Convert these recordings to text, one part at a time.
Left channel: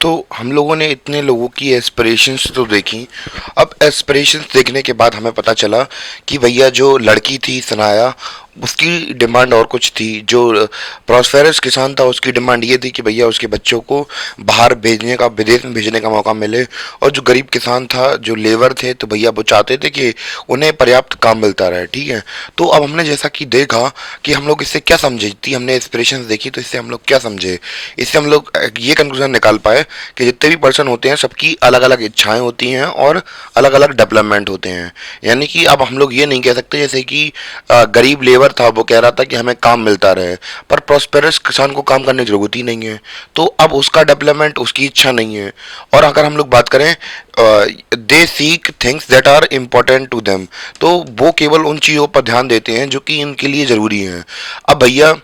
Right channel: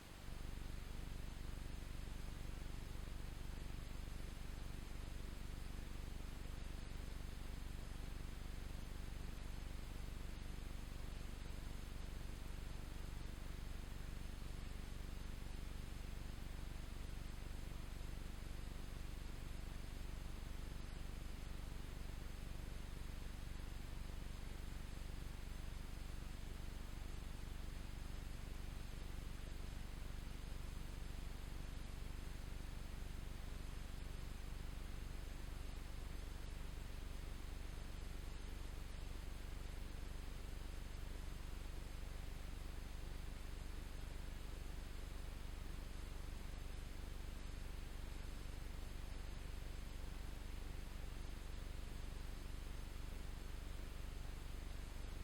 तो हम लोगों ने इतने लोगों की एस्पिरेशंस तो देखी। अब एस्पिरेशंस देखने के बाद हमें पता चला कि भैया जो लड़की थी सनाया, उसकी डिमांड और कुछ थी। जो प्रॉस्पेरस किसान था उसकी डिमांड ये थी कि भैया उसके बच्चों को बाहर भेजने का, विदेश में भेजने का मौका मिले। और जो गरीब किसान था, जो लेबर थे, तो भैया वो चाहते थे कि उन्हें पर्याप्त काम मिलता रहे। ठीक है। तो अब हमने जैसा कि देखा कि हम लोग इससे क्या समझे, थी हमने एस्पिरेशंस देखी तो इससे हम लोग क्या समझे, इससे हम लोग ये कंक्लूजन निकाल पाए कि जितने भी पर्सन होते हैं सबकी अलग अलग इच्छाएं होती हैं और अलग अलग डेवलपमेंट होते हैं। यानी कि अब हम लोग ये नहीं कह सकते जैसे कि गरीब लेबर था वो कह रहा था कि हमें काम मिलता रहे, पर प्रॉस्पेरस किसान को काम करने की जरूरत ही नहीं है। तो अब उसका डेवलपमेंट उसकी इच्छा नहीं है। और अगर हम लोग बात करें, they seek things that are important to them, तो वो केवल उन चीज़ों पर ध्यान देते हैं जो कि इनके लिए ज़रूरी हैं। अब भैया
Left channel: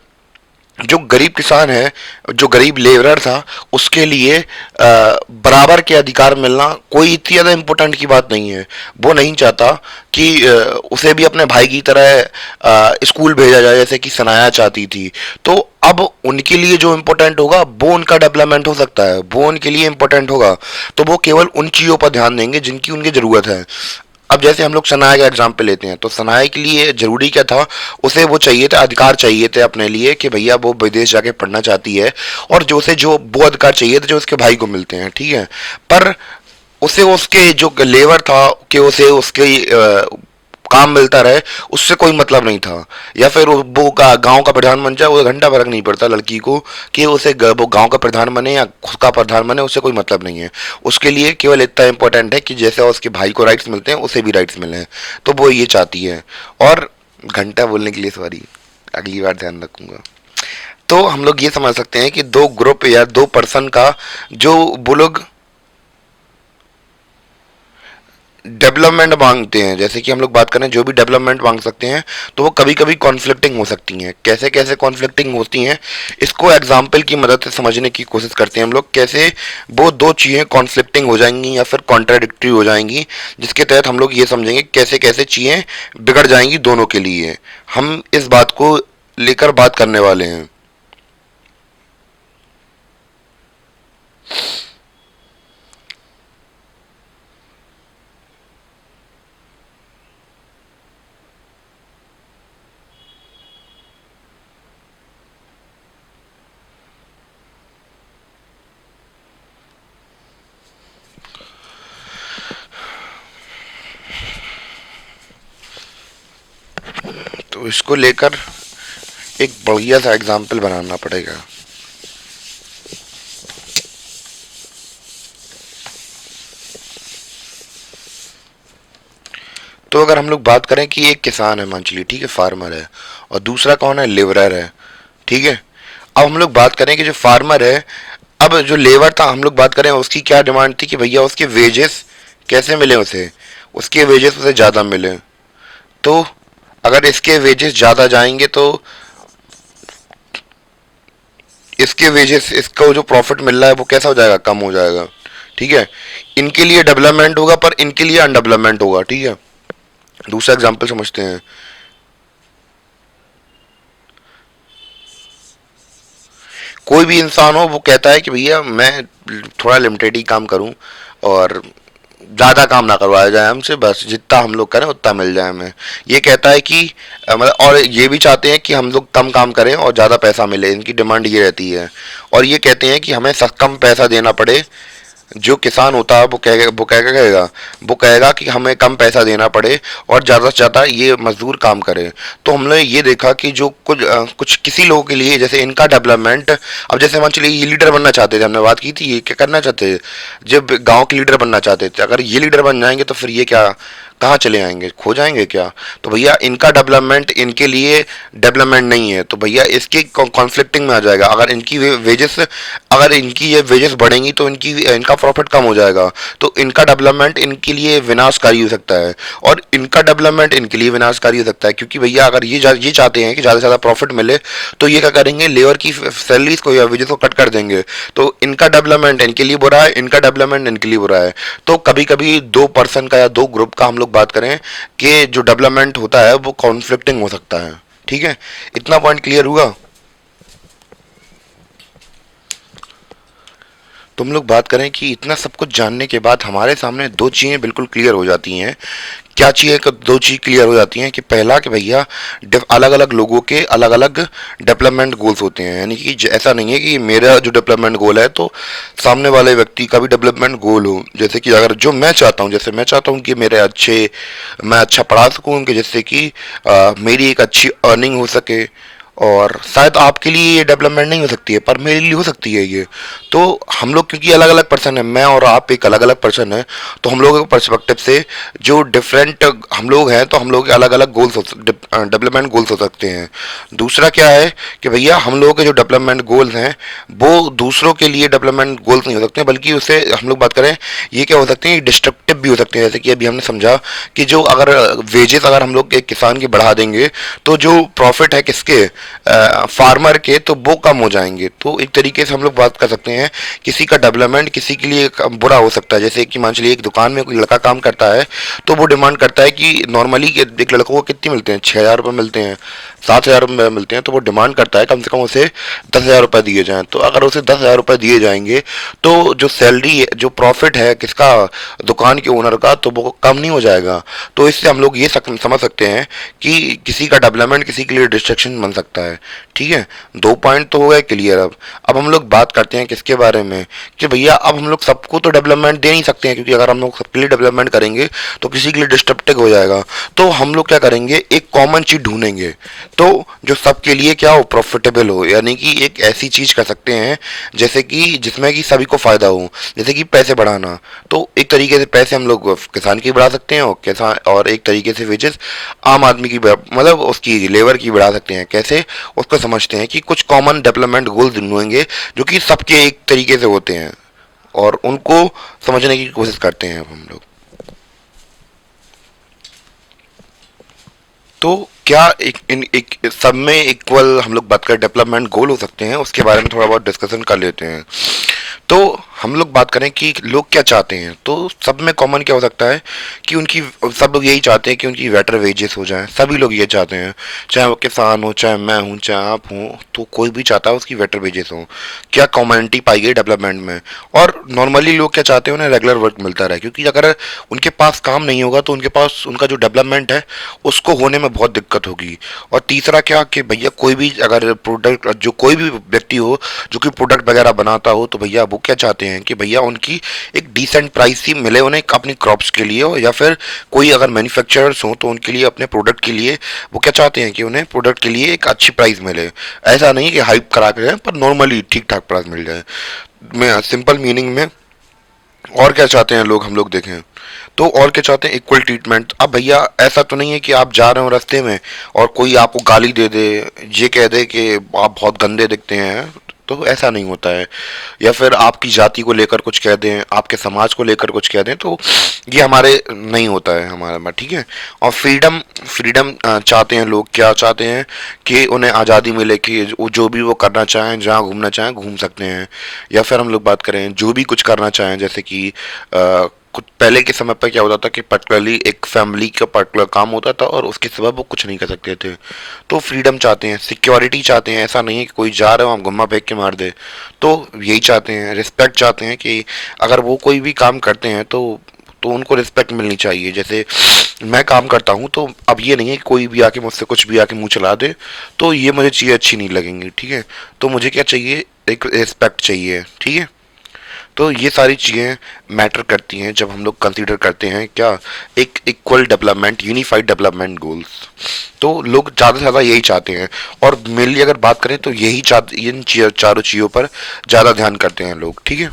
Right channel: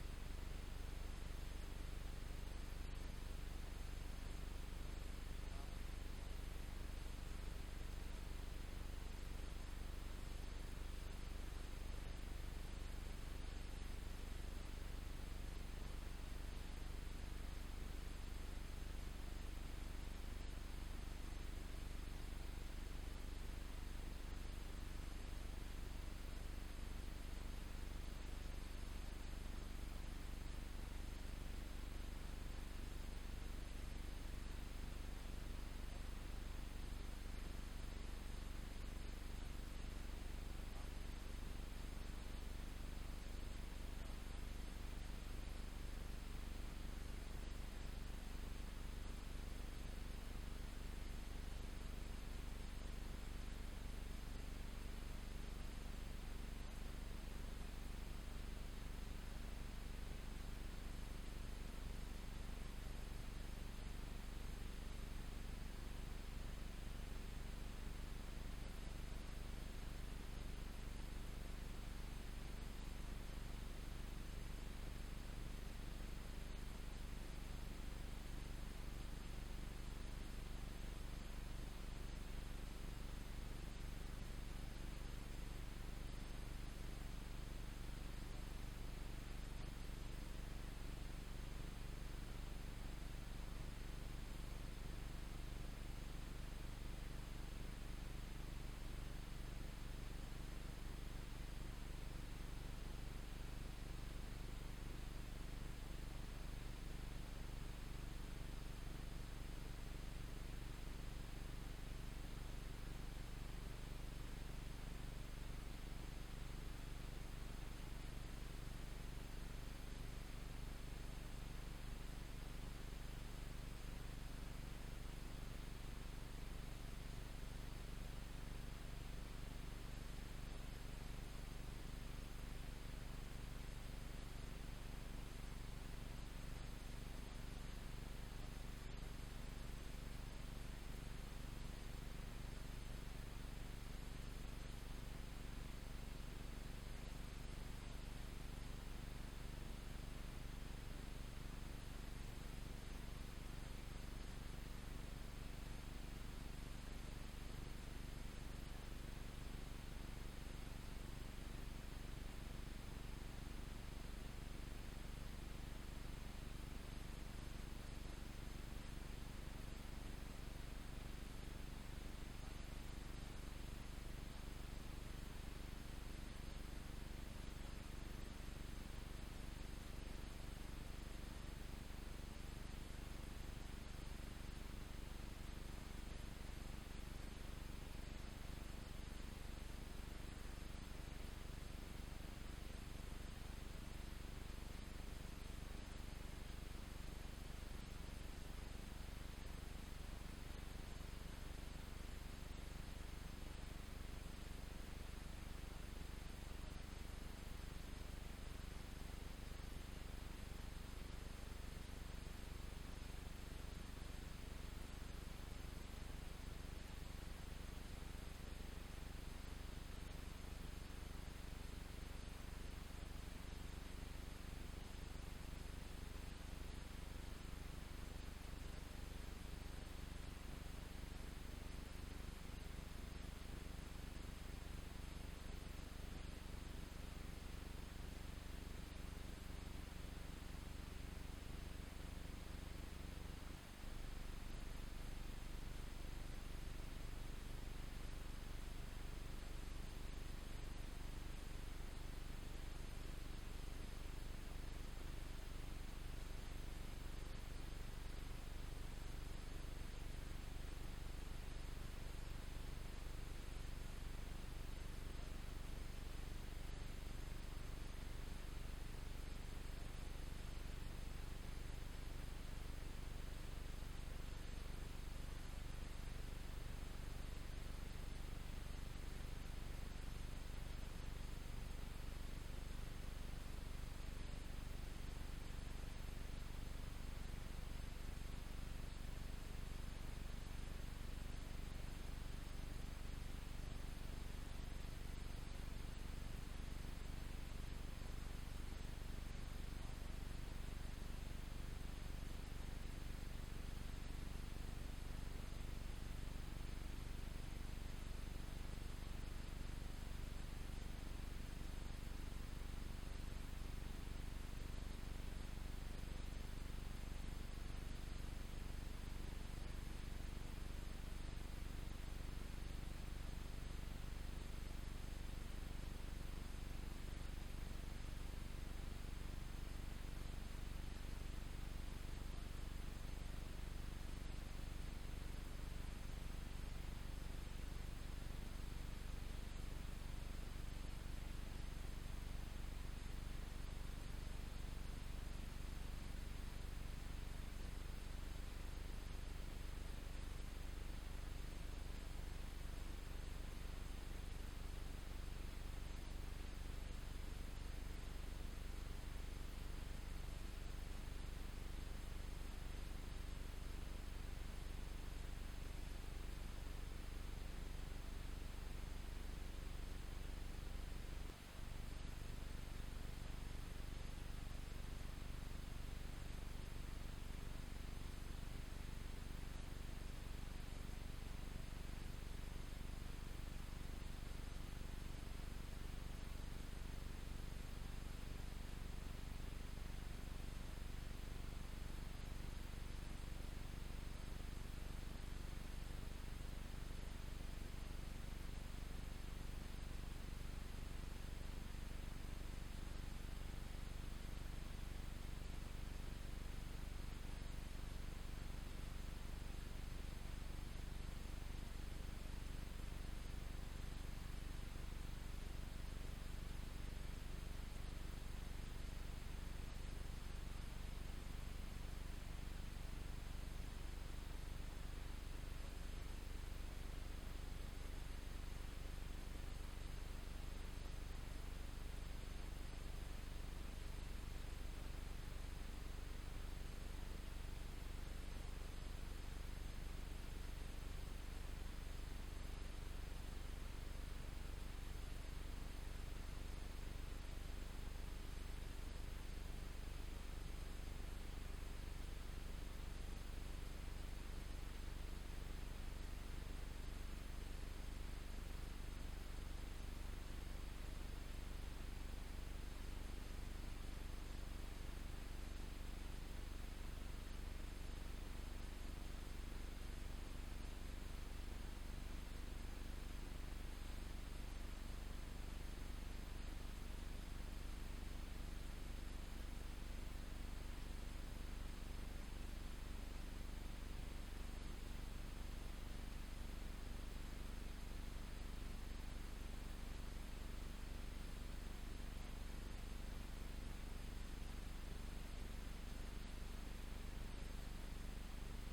जो गरीब किसान है, जो गरीब लेबरर था, उसके लिए बराबर के अधिकार मिलना कोई इतनी ज़्यादा इम्पोर्टेंट की बात नहीं है। वो नहीं चाहता कि उसे भी अपने भाई की तरह स्कूल भेजा जाए जैसे कि सनाया चाहती थी। तो अब उनके लिए जो इम्पोर्टेंट होगा वो उनका डेवलपमेंट हो सकता है, वो उनके लिए इम्पोर्टेंट होगा। तो वो केवल उन चीज़ों पर ध्यान देंगे जिनकी उनकी ज़रूरत है। अब जैसे हम लोग सनाया का एग्जाम्पल लेते हैं, तो सनाया के लिए जरूरी क्या था, उसे वो चाहिए था, अधिकार चाहिए थे अपने लिए कि भैया वो विदेश जाके पढ़ना चाहती है। और जो उसे जो वो अधिकार चाहिए थे जो उसके भाई को मिलते हैं। ठीक है। पर उसे उसके जो लेबर था कि उसे उसके काम मिलता रहे, उससे कोई मतलब नहीं था। या फिर वो गांव का प्रधान बन जाए, वो घंटा फर्क नहीं पड़ता लड़की को कि उसे वो गांव का प्रधान बने या खुद का प्रधान बने, उससे कोई मतलब नहीं है। उसके लिए केवल इतना इंपॉर्टेंट है कि जैसे उसके भाई को राइट्स मिलते हैं उसे भी राइट्स मिले। तो वो ये चाहती है। और घंटा बोलने के लिए सॉरी, अगली बार ध्यान रखूंगा। तो हम लोग ये समझ सकते हैं कि दो ग्रुप या दो पर्सन का जो वो लोग डेवलपमेंट मांगते हैं, जैसे कि हम लोग बात करें जो भी डेवलपमेंट मांग सकते हैं, तो वो कभी कभी कॉन्फ्लिक्टिंग हो सकती हैं। कैसे कैसे कॉन्फ्लिक्टिंग होती हैं, इसको एग्जाम्पल की मदद से समझने की कोशिश करते हैं हम लोग। कैसे वो दो चीज़ें कॉन्फ्लिक्टिंग हो जाएंगी या फिर कॉन्ट्राडिक्टरी हो जाएंगी, जिसके तहत हम लोग ये समझेंगे कैसे कैसे चीज़ें बिगड़ जाएंगी दोनों के लिए। हम इस बात को लेकर बात करने वाले हैं। तो इसको लेकर एक बढ़िया सा एग्जाम्पल बनाना पड़ेगा। तो अगर हम लोग बात करें कि एक किसान है, मान चलिए, ठीक है, फार्मर है, और दूसरा कौन है, लेबरर है। ठीक है। अब हम लोग बात करें कि जो फार्मर है, अब जो लेबर था हम लोग बात करें उसकी क्या डिमांड थी कि भैया उसके वेजेस कैसे मिले उसे, उसके वेजेस उसे ज़्यादा मिले। तो अगर इसके वेजेस ज़्यादा जाएंगे तो इसके वेजेस, इसका जो प्रॉफिट मिल रहा है वो कैसा हो जाएगा, कम हो जाएगा। ठीक है। इनके लिए डेवलपमेंट होगा पर इनके लिए अनडेवलपमेंट होगा। ठीक है। दूसरा एग्जाम्पल समझते हैं। कोई भी इंसान हो वो कहता है कि भैया मैं थोड़ा लिमिटेड ही काम करूं और ज़्यादा काम ना करवाया जाए हमसे, बस जितना हम लोग करें उतना मिल जाए हमें। ये कहता है कि मतलब, और ये भी चाहते हैं कि हम लोग कम काम करें और ज़्यादा पैसा मिले, इनकी डिमांड ये रहती है। और ये कहते हैं कि हमें कम पैसा देना पड़े। जो किसान होता है वो कहेगा कि हमें कम पैसा देना पड़े और ज़्यादा से ज़्यादा ये मजदूर काम करे। तो हमने ये देखा कि जो कुछ किसी लोगों के लिए जैसे इनका डेवलपमेंट, अब जैसे मान चलिए ये लीडर बनना चाहते थे, हमने बात की थी, ये क्या करना चाहते थे, जब गांव के लीडर बनना चाहते थे, अगर ये लीडर बन जाएंगे तो फिर ये क्या, कहाँ चले आएंगे, खो जाएंगे क्या। तो भैया इनका डेवलपमेंट इनके लिए डेवलपमेंट नहीं है, तो भैया इसके कॉन्फ्लिक्टिंग में आ जाएगा। अगर इनकी वेजेस, अगर इनकी ये वेजेस बढ़ेंगी तो इनकी इनका प्रॉफिट कम हो जाएगा। तो इनका डेवलपमेंट इनके लिए विनाशकारी हो सकता है और इनका डेवलपमेंट इनके लिए विनाशकारी हो सकता है, क्योंकि भैया अगर ये चाहते हैं कि ज़्यादा से ज़्यादा प्रॉफिट मिले, तो ये क्या करेंगे, लेबर की सैलरीज को या वेजेस को कट कर देंगे। तो इनका डेवलपमेंट इनके लिए बुरा है, इनका डेवलपमेंट इनके लिए बुरा है। तो कभी कभी दो पर्सन का या दो ग्रुप का हम लोग बात करें कि जो डेवलपमेंट होता है वो कॉन्फ्लिक्टिंग हो सकता है। ठीक है। इतना पॉइंट क्लियर हुआ। तो हम लोग बात करें कि इतना सब कुछ जानने के बाद हमारे सामने दो चीज़ें बिल्कुल क्लियर हो जाती हैं। क्या चीज़ें, दो चीज़ क्लियर हो जाती हैं कि पहला कि भैया अलग अलग लोगों के अलग अलग डेवलपमेंट गोल्स होते हैं, यानी कि ऐसा नहीं है कि मेरा जो डेवलपमेंट गोल है तो सामने वाले व्यक्ति का भी डेवलपमेंट गोल हो। जैसे कि अगर जो मैं चाहता हूँ, जैसे मैं चाहता हूँ कि मैं अच्छा पढ़ा सकूँ कि जिससे कि मेरी एक अच्छी अर्निंग हो सके, और शायद आपके लिए ये डेवलपमेंट नहीं हो सकती है पर मेरे लिए हो सकती है ये। तो हम लोग क्योंकि अलग अलग पर्सन है, मैं और आप एक अलग अलग पर्सन है, तो हम लोगों के पर्सपेक्टिव से जो डिफरेंट हम लोग हैं तो हम लोग के अलग अलग गोल्स डेवलपमेंट गोल्स हो सकते हैं। दूसरा क्या है कि भैया हम लोगों के जो डेवलपमेंट गोल्स हैं वो दूसरों के लिए डेवलपमेंट गोल्स नहीं हो सकते, बल्कि उससे हम लोग बात करें ये क्या हो सकते हैं, डिस्ट्रक्टिव भी हो सकते हैं। जैसे कि अभी हमने समझा कि जो अगर वेजेस अगर हम लोग एक किसान की बढ़ा देंगे तो जो प्रॉफिट है किसके, फार्मर के, तो वो कम हो जाएंगे। तो एक तरीके से हम लोग बात कर सकते हैं किसी का डेवलपमेंट किसी के लिए बुरा हो सकता है। जैसे कि मान चलिए एक दुकान में कोई लड़का काम करता है तो वो डिमांड करता है कि नॉर्मली एक लड़कों को कितने मिलते हैं, 6,000 रुपये मिलते हैं, 7,000 रुपये मिलते हैं, तो वो डिमांड करता है कम से कम उसे 10,000 रुपये दिए जाएं। तो अगर उसे 10,000 रुपये दिए जाएंगे तो जो सैलरी है, जो प्रॉफिट है किसका, दुकान के ओनर का, तो वो कम नहीं हो जाएगा। तो इससे हम लोग ये समझ सकते हैं कि किसी का डेवलपमेंट किसी के लिए डिस्ट्रक्शन बन सकता है। ठीक है, दो पॉइंट तो हो गए क्लियर। अब हम लोग बात करते हैं किसके बारे में कि भैया अब हम लोग सबको तो डेवलपमेंट दे नहीं सकते हैं, क्योंकि अगर हम लोग सबके लिए डेवलपमेंट करेंगे तो किसी के लिए डिस्ट्रप्टिव हो जाएगा। तो हम लोग क्या करेंगे, एक कॉमन चीज ढूंढेंगे तो जो सबके लिए क्या हो, प्रॉफिटेबल हो, यानी कि एक ऐसी चीज कर सकते हैं जैसे कि जिसमें कि सभी को फायदा हो। जैसे कि पैसे बढ़ाना, तो एक तरीके से पैसे हम लोग किसान की बढ़ा सकते हैं, और किसान और एक तरीके से वेजेस आम आदमी की मतलब उसकी लेबर की बढ़ा सकते हैं। कैसे, उसको समझते हैं कि कुछ कॉमन डेवलपमेंट गोल्स ढूंढेंगे जो कि सबके एक तरीके से होते हैं, और उनको समझने की कोशिश करते हैं अब हम लोग। तो क्या एक सब में इक्वल हम लोग बात करें डेवलपमेंट गोल हो सकते हैं, उसके बारे में थोड़ा बहुत डिस्कशन कर लेते हैं। तो हम लोग बात करें कि लोग क्या चाहते हैं, तो सब में कॉमन क्या हो सकता है कि उनकी, सब लोग यही चाहते हैं कि उनकी बेटर वेजेस हो जाएं। सभी लोग ये चाहते हैं, चाहे वो किसान हो, चाहे मैं हूँ, चाहे आप हो, तो कोई भी चाहता है उसकी बेटर वेजेस हो। क्या कॉमनिटी पाई गई डेवलपमेंट में। और नॉर्मली लोग क्या चाहते हैं, उन्हें रेगुलर वर्क मिलता रहे, क्योंकि अगर उनके पास काम नहीं होगा तो उनके पास उनका जो डेवलपमेंट है उसको होने में बहुत दिक्कत होगी। और तीसरा क्या कि भैया कोई भी अगर प्रोडक्ट, जो कोई भी व्यक्ति हो जो कि प्रोडक्ट वगैरह बनाता हो, तो भैया वो क्या चाहते हैं कि भैया उनकी एक डिसेंट प्राइस ही मिले उन्हें अपनी क्रॉप्स के लिए, या फिर कोई अगर मैन्युफैक्चरर्स हो तो उनके लिए अपने प्रोडक्ट के लिए वो क्या चाहते हैं कि उन्हें प्रोडक्ट के लिए एक अच्छी प्राइस मिले। ऐसा नहीं कि हाइप करा के जाए, पर नॉर्मली ठीक ठाक प्राइस मिल जाए। मैं सिंपल मीनिंग में और क्या चाहते हैं लोग, हम लोग देखें तो और क्या चाहते हैं, इक्वल ट्रीटमेंट। अब भैया ऐसा तो नहीं है कि आप जा रहे हो रास्ते में और कोई आपको गाली दे दे, ये कह दे कि आप बहुत गंदे दिखते हैं, तो ऐसा नहीं होता है। या फिर आपकी जाति को लेकर कुछ कह दें, आपके समाज को लेकर कुछ कह दें, तो ये हमारे नहीं होता है हमारे में। ठीक है। और फ्रीडम, फ्रीडम चाहते हैं लोग, क्या चाहते हैं कि उन्हें आज़ादी मिले कि जो भी वो करना चाहें, जहाँ घूमना चाहें घूम सकते हैं। या फिर हम लोग बात करें जो भी कुछ करना चाहें, जैसे कि कुछ पहले के समय पर क्या होता था कि पर्टिकुलरली एक फैमिली का पर्टिकुलर काम होता था और उसके सिवा वो कुछ नहीं कर सकते थे। तो फ्रीडम चाहते हैं, सिक्योरिटी चाहते हैं, ऐसा नहीं है कि कोई जा रहा हो हम गुम्मा फेंक के मार दे। तो यही चाहते हैं, रिस्पेक्ट चाहते हैं कि अगर वो कोई भी काम करते हैं तो उनको रिस्पेक्ट मिलनी चाहिए। जैसे मैं काम करता हूँ तो अब ये नहीं है कि कोई भी आके मुझसे कुछ भी आके मुंह चला दे, तो ये मुझे चीज़ें अच्छी नहीं लगेंगी। ठीक है, तो मुझे क्या चाहिए, एक रिस्पेक्ट चाहिए। ठीक है, तो ये सारी चीज़ें मैटर करती हैं जब हम लोग कंसीडर करते हैं क्या, एक equal development, unified development goals. तो लोग ज़्यादा से ज़्यादा यही चाहते हैं, और मेनली अगर बात करें तो यही चाहते, इन चारों चीज़ों पर ज़्यादा ध्यान करते हैं लोग। ठीक है।